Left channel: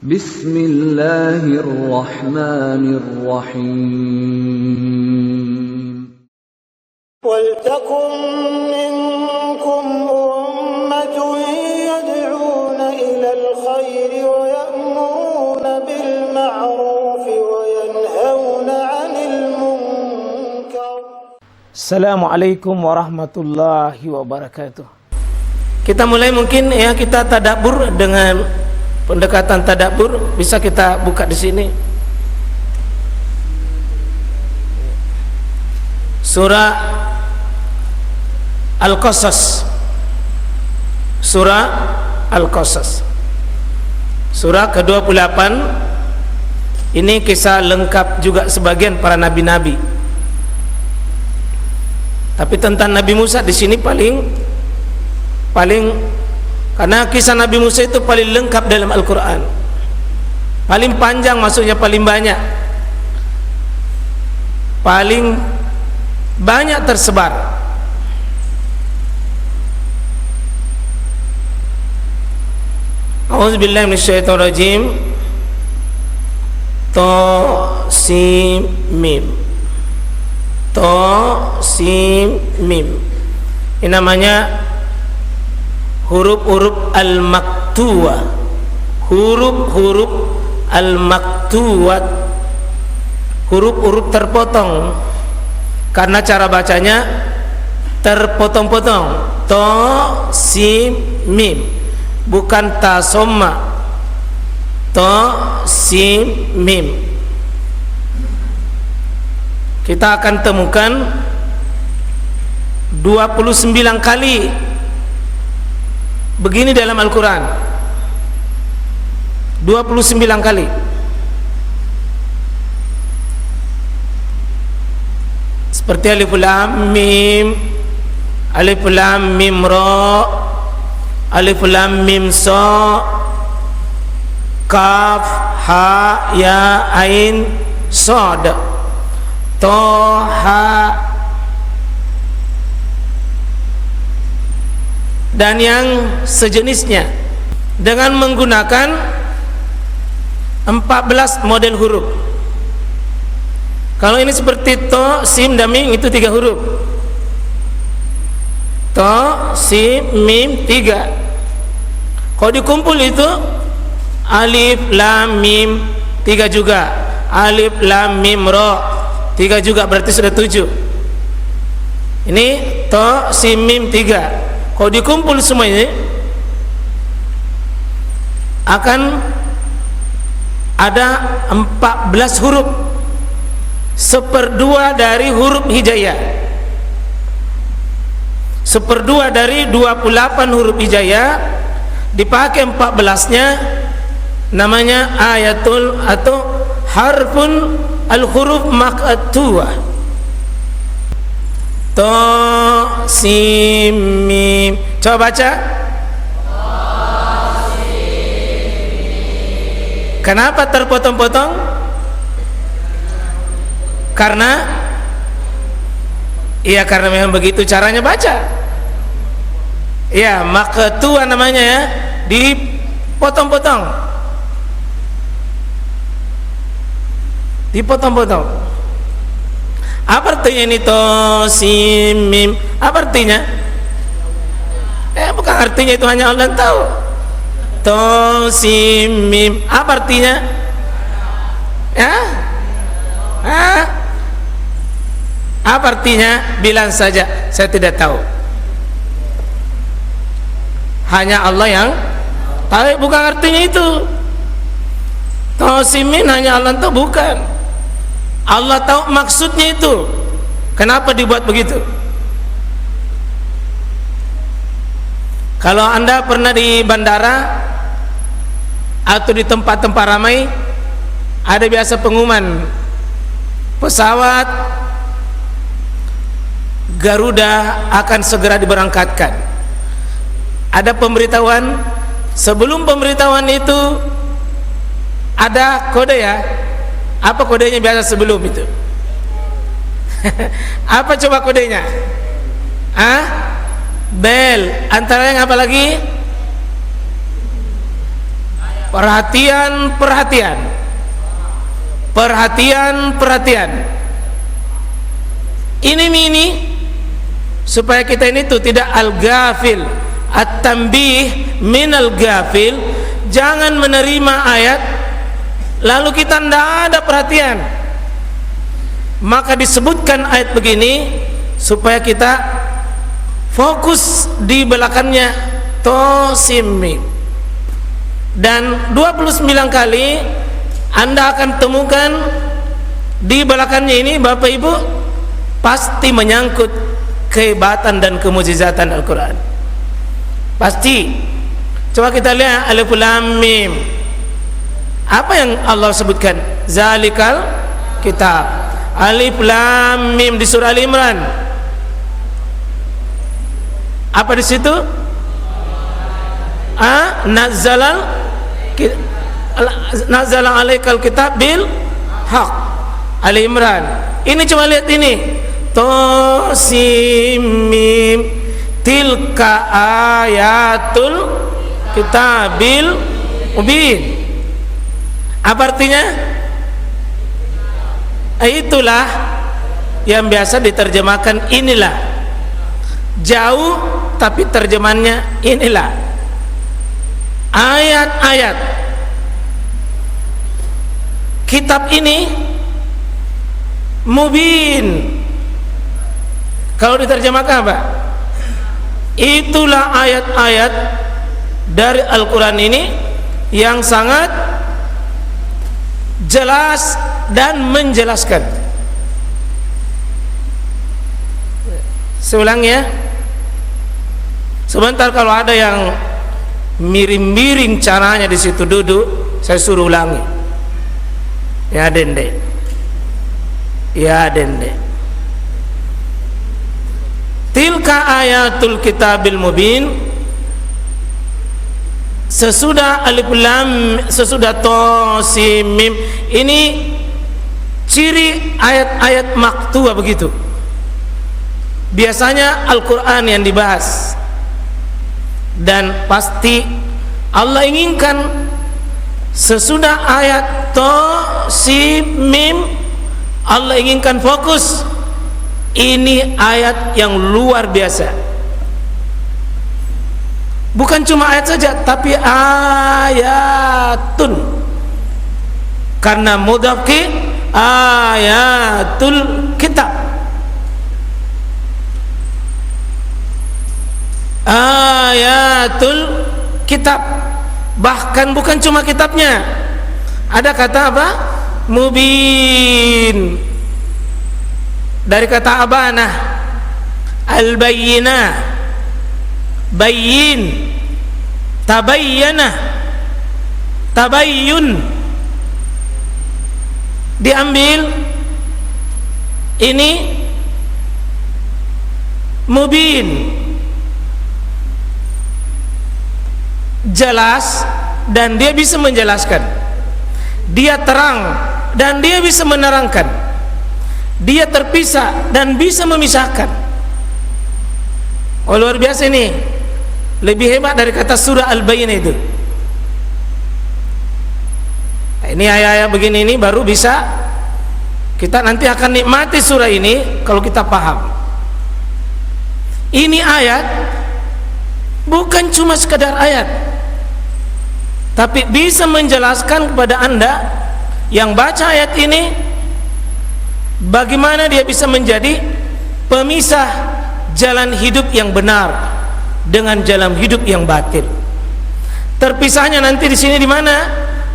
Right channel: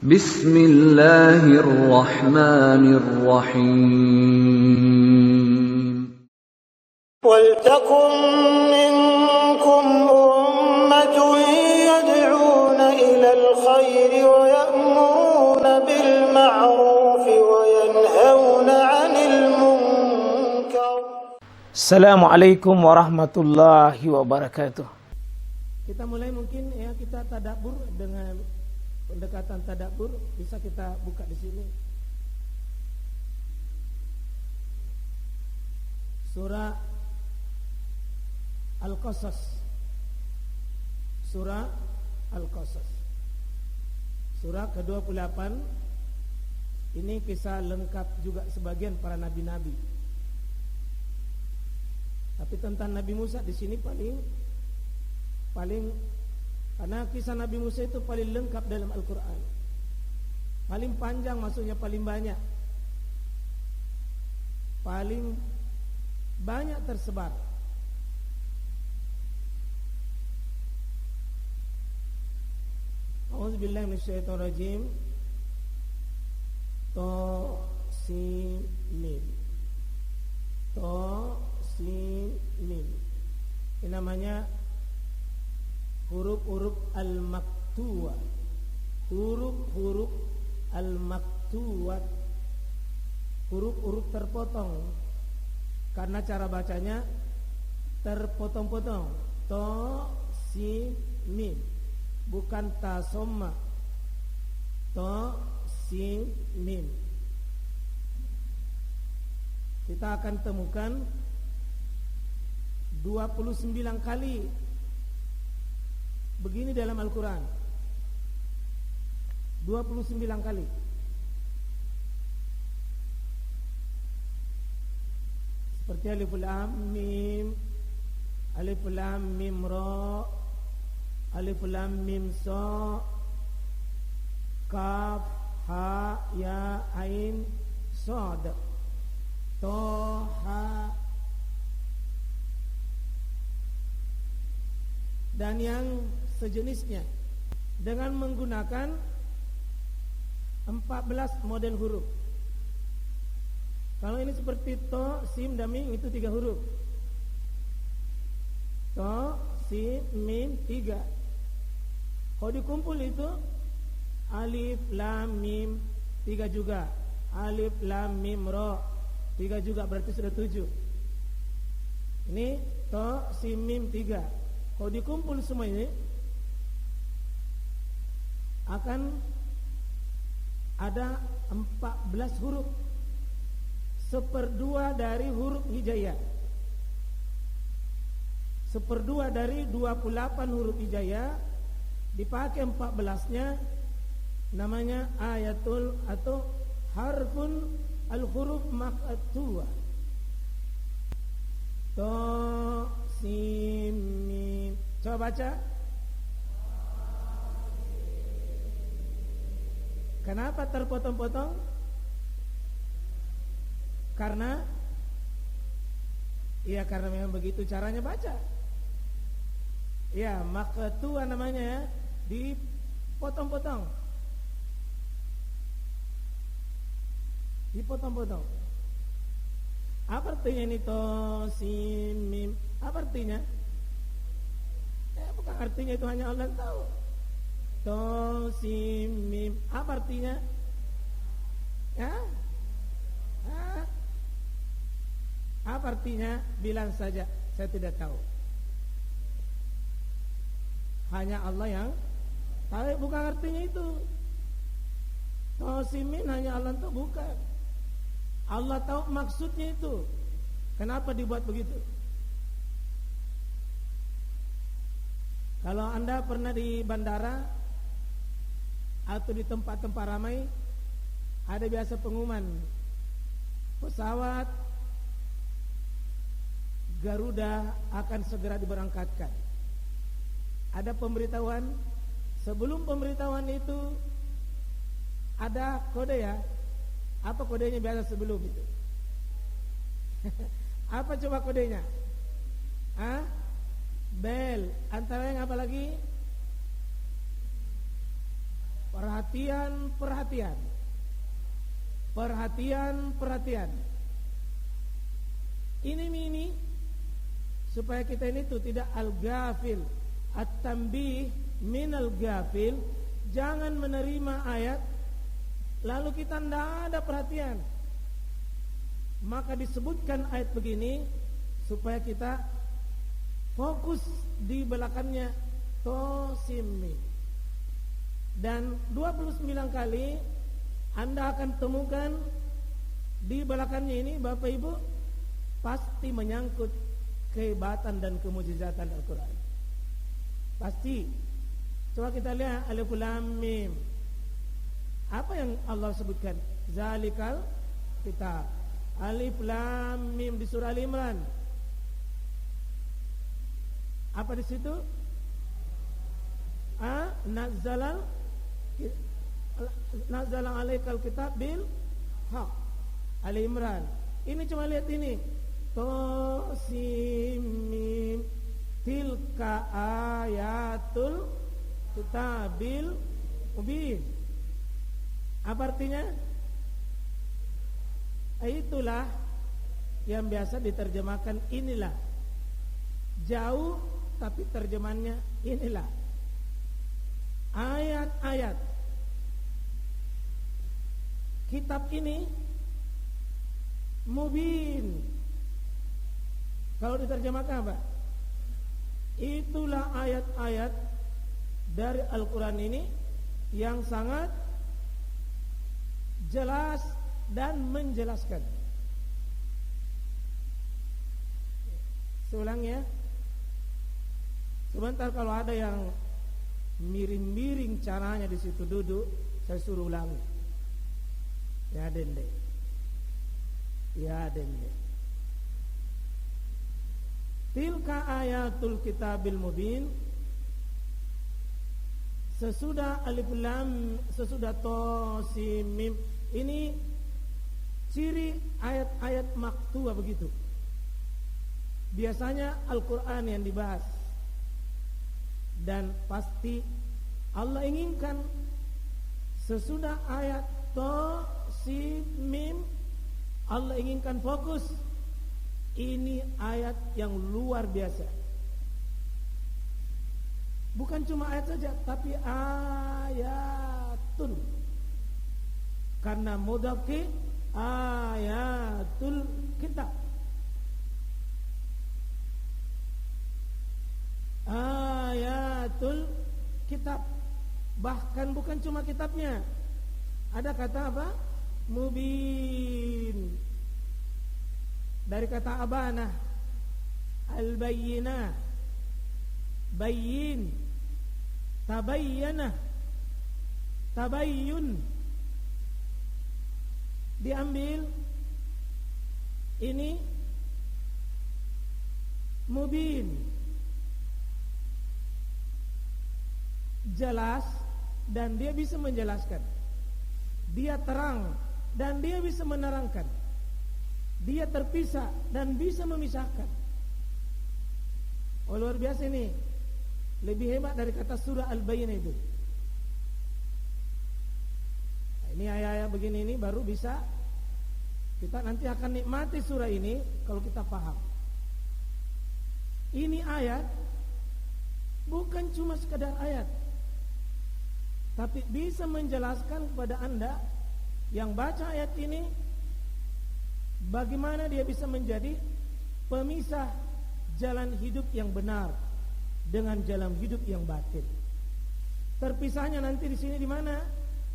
Bismillahirrahmanirrahim. وَلْتَكُنْ مِنْكُمْ أُمَّةٌ يَدْعُونَ إِلَى الْخَيْرِ وَيَأْمُرُونَ بِالْمَعْرُوفِ وَيَنْهَوْنَ عَنِ الْمُنْكَرِ. Assalamualaikum warahmatullahi wabarakatuh. Kita mulai mungkin ya, kita tadabbur dengan pendekatan tadabbur. Bisa kita buka di sini. Surah Al-Qasas. Surah Al-Qasas. Surah ke-28. Ini kisah lengkap juga sebagian para nabi-nabi. Tapi tentang Nabi Musa di sini paling karena kisah Nabi Musa itu paling lengkap dalam Al-Qur'an. Paling panjang, maksudnya paling banyak. Paling banyak tersebar. A'udzubillahi minasyaitonirrajim. Ta sin mim. Ta sin mim. Ini namanya huruf-huruf al-maktuwah. Huruf-huruf al-maktuwat. Huruf-huruf terpotong. Karena cara bacanya terpotong-potong. Ta sin mim, bukan ta somma. Ta sin mim. Kita akan temukan 29 kali begini dalam Al-Quran. 29 kali. Seperti alif lam mim, alif lam mim ra, alif lam mim sa, kaf ha ya ain sad, ta ha, dan yang sejenisnya, dengan menggunakan 14 model huruf. Kalau ini seperti to, sim, dan mim, itu 3 huruf. To, sim, mim, 3. Kalau dikumpul itu alif, lam, mim, 3 juga. Alif, lam, mim, ra, 3 juga, berarti sudah 7. Ini to, sim, mim, 3. Kalau dikumpul semua ini akan ada 14 huruf. 1/2 dari huruf hijaiyah. 1/2 dari 28 huruf hijaiyah dipakai 14-nya, namanya ayatul atau harfun al-huruf maqtuwah. Ta sin mim. Coba baca. Kenapa terpotong-potong? Karena memang begitu caranya baca. Ya, maqtuwah namanya ya, dipotong-potong. Dipotong-potong. Apa artinya ini to sin mim? Apa artinya? Bukan artinya, itu hanya Allah yang tahu. To sin mim, apa artinya? Ya? Apa artinya? Bilang saja, saya tidak tahu. Hanya Allah yang tahu. Bukan artinya itu. To sin mim hanya Allah tahu, bukan. Allah tahu maksudnya itu. Kenapa dibuat begitu? Kalau Anda pernah di bandara atau di tempat-tempat ramai, ada biasa pengumuman pesawat Garuda akan segera diberangkatkan. Ada pemberitahuan. Sebelum pemberitahuan itu ada kode ya. Apa kodenya biasa sebelum itu? Apa coba kodenya? Bel. Antara yang apa lagi? perhatian. Ini supaya kita ini tuh tidak al-ghafil, at-tanbih minal ghafil. Jangan menerima ayat lalu kita tidak ada perhatian. Maka disebutkan ayat begini supaya kita fokus di belakangnya, tosimim. Dan 29 kali Anda akan temukan di belakangnya ini, Bapak Ibu, pasti menyangkut kehebatan dan kemukjizatan Al-Quran. Pasti. Coba kita lihat alif lam mim. Apa yang Allah sebutkan? Zalikal kitab. Alif lam mim di surah Al-Imran. Apa di situ? Nazzala alaikal kitab bil haq. Al-Imran. Ini coba lihat ini. Tosimim. Tilka ayatul kitabil mubin. Apa artinya? Itulah yang biasa diterjemahkan inilah. Jauh tapi terjemahannya inilah. Ayat-ayat kitab ini mubin. Kalau diterjemahkan apa? Itulah ayat-ayat dari Al-Quran ini yang sangat jelas dan menjelaskan. Seulang ya. Sebentar, kalau ada yang miring-miring caranya di situ duduk, saya suruh ulangi. Ya dende. Tilka ayatul kitabil mubin. Sesudah alif lam, sesudah to sim mim, ini ciri ayat-ayat maktuah begitu. Biasanya Al-Quran yang dibahas, dan pasti Allah inginkan sesudah ayat to sim mim, Allah inginkan fokus. Ini ayat yang luar biasa. Bukan cuma ayat saja, tapi ayatun. Karena mudhaf ke ayatul kitab. Ayatul kitab. Bahkan bukan cuma kitabnya. Ada kata apa? Mubin. Dari kata abanah, al-bayyinah, bayyin, tabayyana, tabayyun. Diambil ini mubin, jelas, dan dia bisa menjelaskan. Dia terang dan dia bisa menerangkan. Dia terpisah dan bisa memisahkan. Oh, luar biasa ini. Lebih hebat dari kata surah Al-Bayyinah itu. Nah, ini ayat-ayat begini ini baru bisa kita nanti akan nikmati surah ini kalau kita paham. Ini ayat bukan cuma sekadar ayat, tapi bisa menjelaskan kepada Anda yang baca ayat ini bagaimana dia bisa menjadi pemisah jalan hidup yang benar dengan jalan hidup yang batil. Terpisahnya nanti di sini di mana?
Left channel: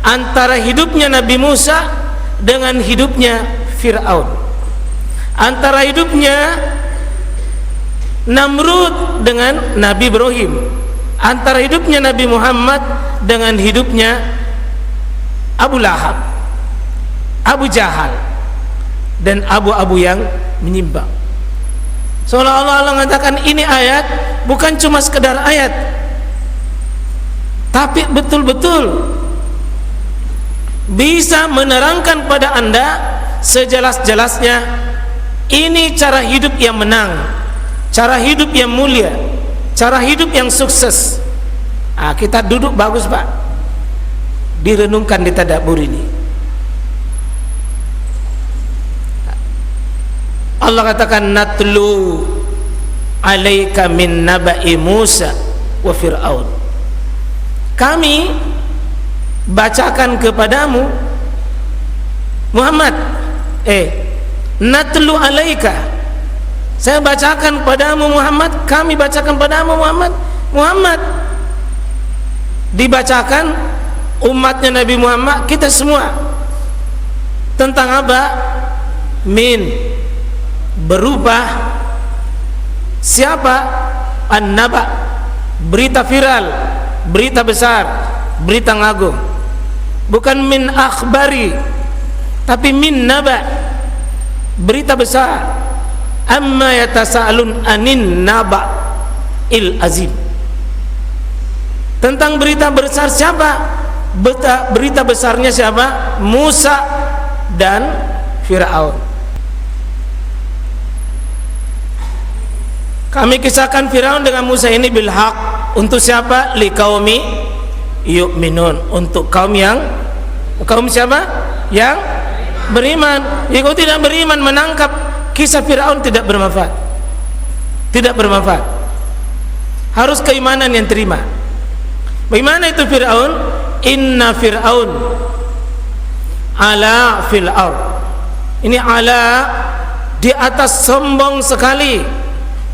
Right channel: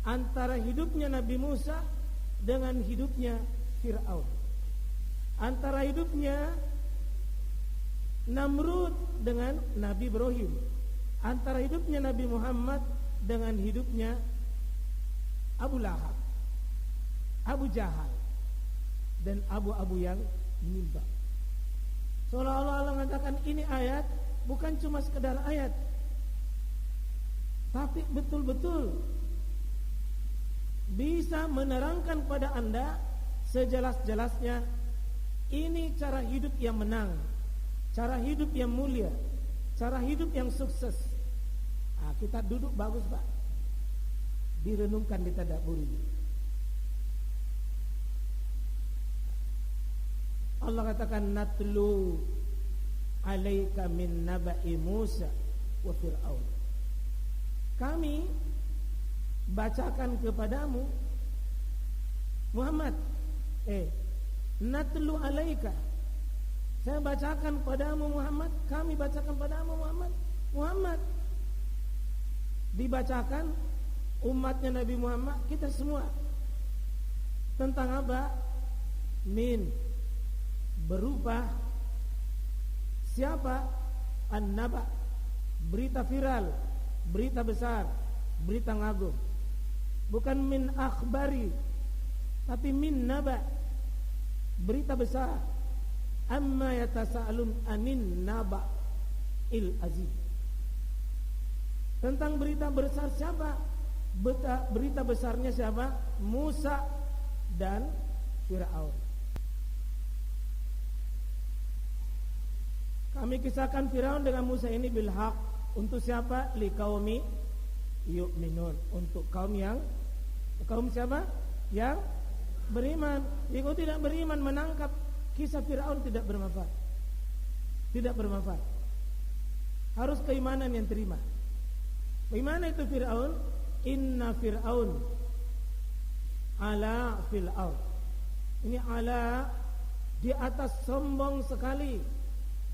Antara hidupnya Nabi Musa dengan hidupnya Fir'aun. Antara hidupnya Namrud dengan Nabi Ibrahim. Antara hidupnya Nabi Muhammad dengan hidupnya Abu Lahab, Abu Jahal, dan abu-abu yang menyimpang. Seolah-olah Allah mengatakan ini ayat bukan cuma sekedar ayat, tapi betul-betul bisa menerangkan pada Anda sejelas-jelasnya. Ini cara hidup yang menang, cara hidup yang mulia, cara hidup yang sukses. Kita duduk bagus Pak. direnungkan, ditadabbur ini. Allah katakan natlu alaika min naba'i Musa wa Fir'aun. Kami bacakan kepadamu Muhammad, natlu alaika, saya bacakan padamu Muhammad, kami bacakan padamu Muhammad. Muhammad dibacakan umatnya Nabi Muhammad, kita semua, tentang apa? Min, berupa siapa? An-naba, berita viral, berita besar, berita ngagung. Bukan min akhbari, tapi min naba, berita besar. Amma yatasaalun anin naba il azim, tentang berita besar siapa? Berita besarnya siapa? Musa dan Fir'aun. Kami kisahkan Fir'aun dengan Musa ini bil haq. Untuk siapa? Liqaumi yu'minun, untuk kaum siapa? Yang beriman. Jika tidak beriman, menangkap kisah Fir'aun tidak bermanfaat. Tidak bermanfaat. Harus keimanan yang terima. Bagaimana itu Fir'aun? Inna Fir'aun ala fil ard. Ini ala, di atas, sombong sekali.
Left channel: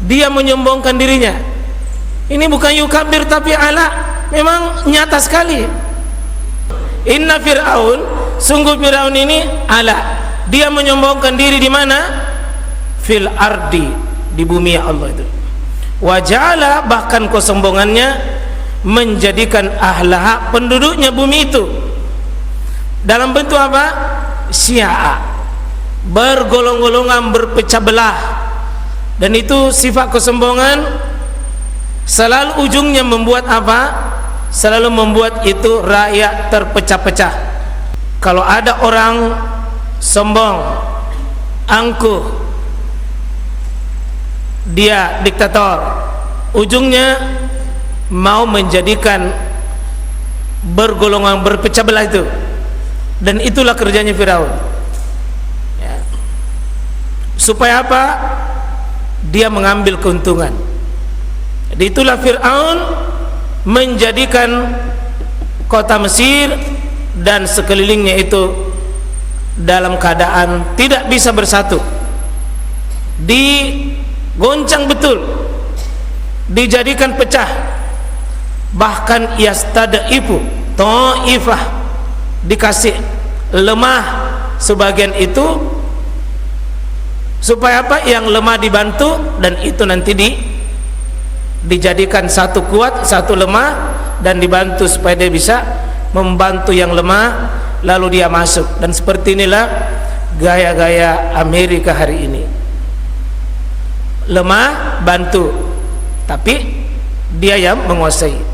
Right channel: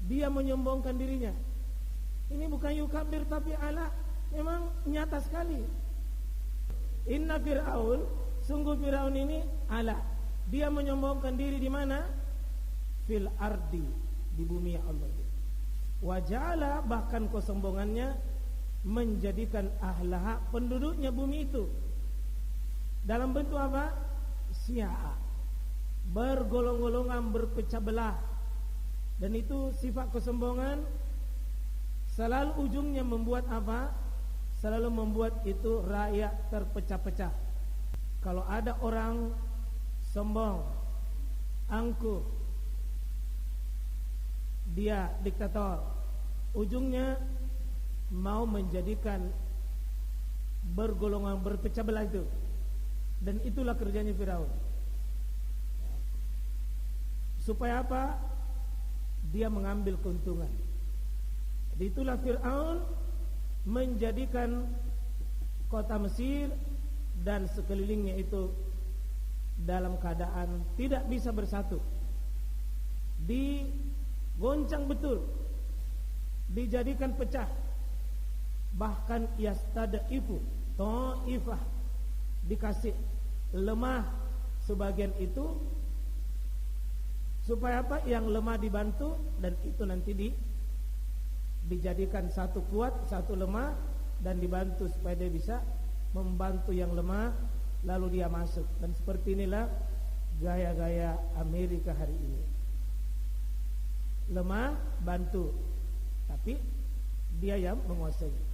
Dia menyombongkan dirinya. Ini bukan yukabir tapi ala, memang nyata sekali. Inna Fir'aun, sungguh Fir'aun ini ala, dia menyombongkan diri di mana? Fil ardi, di bumi Allah itu. Waja'ala, bahkan kesombongannya menjadikan ahlaha, penduduknya bumi itu, dalam bentuk apa? Syi'a, bergolong-golongan, berpecah belah. Dan itu sifat kesombongan selalu ujungnya membuat apa? Selalu membuat itu rakyat terpecah-pecah. Kalau ada orang sombong, angkuh, dia diktator, ujungnya mau menjadikan bergolongan, berpecah belah itu. Dan itulah kerjanya Firaun, ya. Supaya apa? Dia mengambil keuntungan. Jadi itulah Fir'aun menjadikan kota Mesir dan sekelilingnya itu dalam keadaan tidak bisa bersatu, digoncang betul, dijadikan pecah. Bahkan yastad'ifu ta'ifah, dikasih lemah sebagian itu, supaya apa? Yang lemah dibantu, dan itu nanti dijadikan satu kuat, satu lemah, dan dibantu supaya dia bisa membantu yang lemah, lalu dia masuk. Dan seperti inilah gaya-gaya Amerika hari ini. Lemah bantu, tapi dia yang menguasai.